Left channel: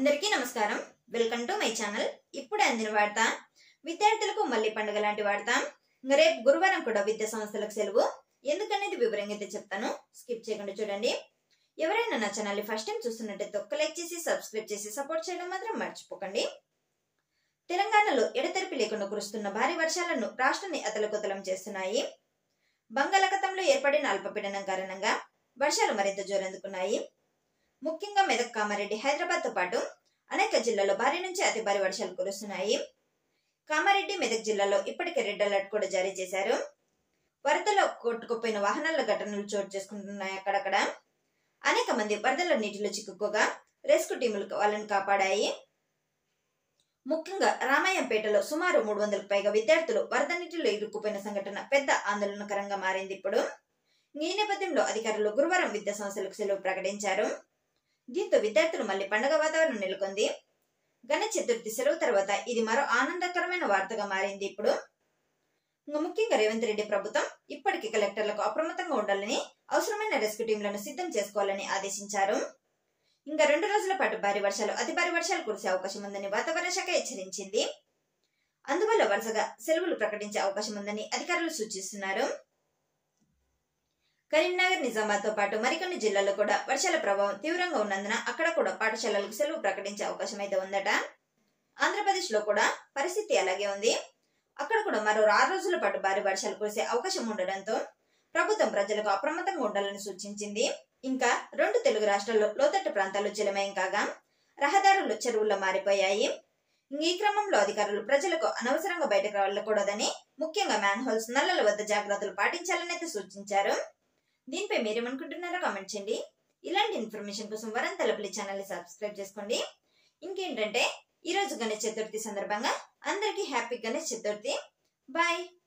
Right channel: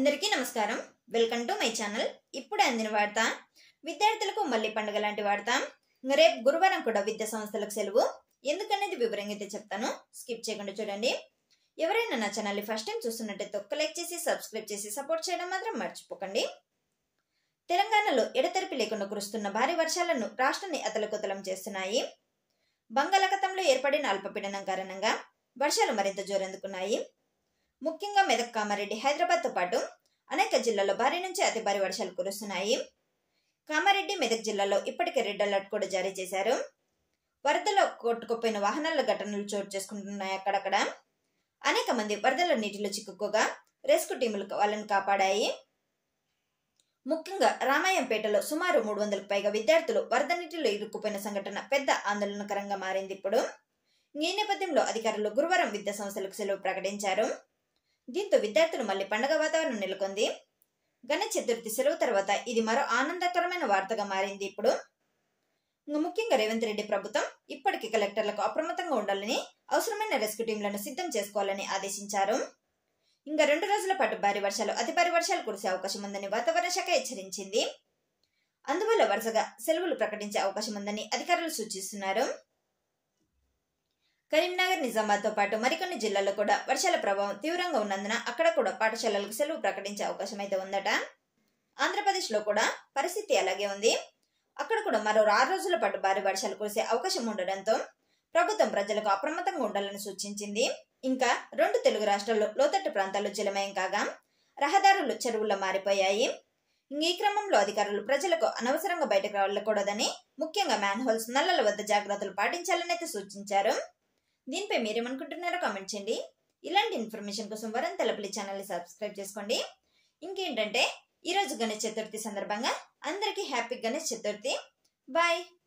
అందరికీ నమస్కారం. Welcome to my channel. ఇప్పుడే అందిన వార్త. విద్యార్థులకు మళ్ళీ పండుగ లాంటి వార్త. రేపు గురువారం కూడా విద్యా సంస్థలకు సెలవు. ఎందుకనేది వివరంగా అయితే చెప్తాను. స్కిప్ చేయకుండా చూడండి. ఎవరైనా నా ఛానల్ ని ఫస్ట్ టైం చూస్తున్నట్టయితే ఒక్క లైక్ చేసి సబ్స్క్రైబ్ చేసి సపోర్ట్ చేయడం మాత్రం మర్చిపోకండి. తెలంగాణలో ఎడతెరిపి లేకుండా కురుస్తున్న భారీ వర్షాలను రాష్ట్రాన్ని అతలకుతలం చేస్తున్నాయి. బంగాళాఖాతంలో ఏర్పడిన అల్పపీడనం కారణంగా వర్షాలు మరింత జోరందుకున్నాయి. ముఖ్యంగా మెదక్, కామారెడ్డి, హైదరాబాద్ తో పాటు అనేక జిల్లాల్లో భారీ నుంచి అతి భారీ వర్షాలు కురుస్తున్నాయి. కామారెడ్డి, మెదక్ జిల్లాలో ఇప్పటికే రెడ్ అలర్ట్ కూడా జారీ చేశారు. వరదలో కొట్టుకుపోయిన వాహనాల ఘటనలు చోటు చేసుకుంటున్నాయి. అక్కడక్కడ అనేక మంది వరదల నీటిలో చిక్కుకోగా రెస్క్యూ టీములు వాళ్ళని కాపాడాయి. ముఖ్యంగా రామాయంపేటలో సుమారు 300కు పైగా విద్యార్థులు వరద నీటిలో ఇరుక్కుపోయిన సంఘటన పెద్ద ఆందోళనకరంగా మారింది. ఇప్పుడు ఈ నేపథ్యంలో అధికారులు గురువారం విద్యా సంస్థలకు సెలవు ప్రకటించారు. దీంతో విద్యార్థులు మళ్లీ పండుగ వాతావరణం నెలకొంది. గణేష్ చతుర్థి సెలవు తర్వాత ఇది మరో ఆనందకరమైన వార్తగా మారింది. ఇప్పుడు ముఖ్యంగా రేవంత్ రెడ్డి ప్రభుత్వం ఇప్పటికీ కలెక్టర్లకు అప్రమత్తంగా ఉండాలని, అవసరమైన రెస్క్యూ టీంలను సిద్ధం చేసుకోవాలని ఆదేశించారు. ఇంకా 2 రోజుల పాటు భారీ వర్షాలు, అతి భారీ వర్షాలు కురిసే అవకాశం ఉందని వాతావరణ శాఖ హెచ్చరించింది. అందువల్ల వరుసగా సెలవులు ప్రకటించే అవకాశం ఉందని అధికారులు సూచిస్తున్నారు. కరీంనగర్, నిజామాబాద్ తో పాటు మరికొన్ని జిల్లాల్లో కూడా వర్షాల ప్రభావం తీవ్రంగా ఉన్నందున అక్కడ కూడా పాఠశాలలకు సెలవు ప్రకటించే అవకాశం అయితే ఉందట. ఆంధ్రప్రదేశ్ లో కూడా పరిస్థితి అలాగే ఉంది. అక్కడ కూడా మరో 6 రోజుల పాటు భారీ వర్షాలు కురిసే అవకాశం ఉండడంతో ప్రభుత్వం ప్రజలకు అప్రమత్తంగా ఉండాలని సూచించింది. ఇంకా 2 తెలుగు రాష్ట్రాల్లో లోతట్టు ప్రాంతాల్లో జలమయం కాగా రహదారులు చెరువుల్లో మారిపోయాయి. ఈ క్రమంలో అధికారులు ప్రజలకు అనవసరంగా బయటకు వెళ్లకూడదని, ముఖ్యంగా మ్యాన్ హోల్స్, నల్లల వద్ద జాగ్రత్తలు పాటించాలని అయితే సూచించారు. దీనిపై మీరేమనుకుంటున్నారో కామెంట్ చేయండి. ఇలాంటి ఇన్ఫర్మేషన్ కోసం వరం తలపల్లి ఛానల్ ని సబ్స్క్రైబ్ చేసుకోండి. ఇంకేంటంటే ఈ రోజు గణేష్ చతుర్థి సందర్భంగా అందరికీ హ్యాపీ గణేష్ చతుర్థి. బాయ్.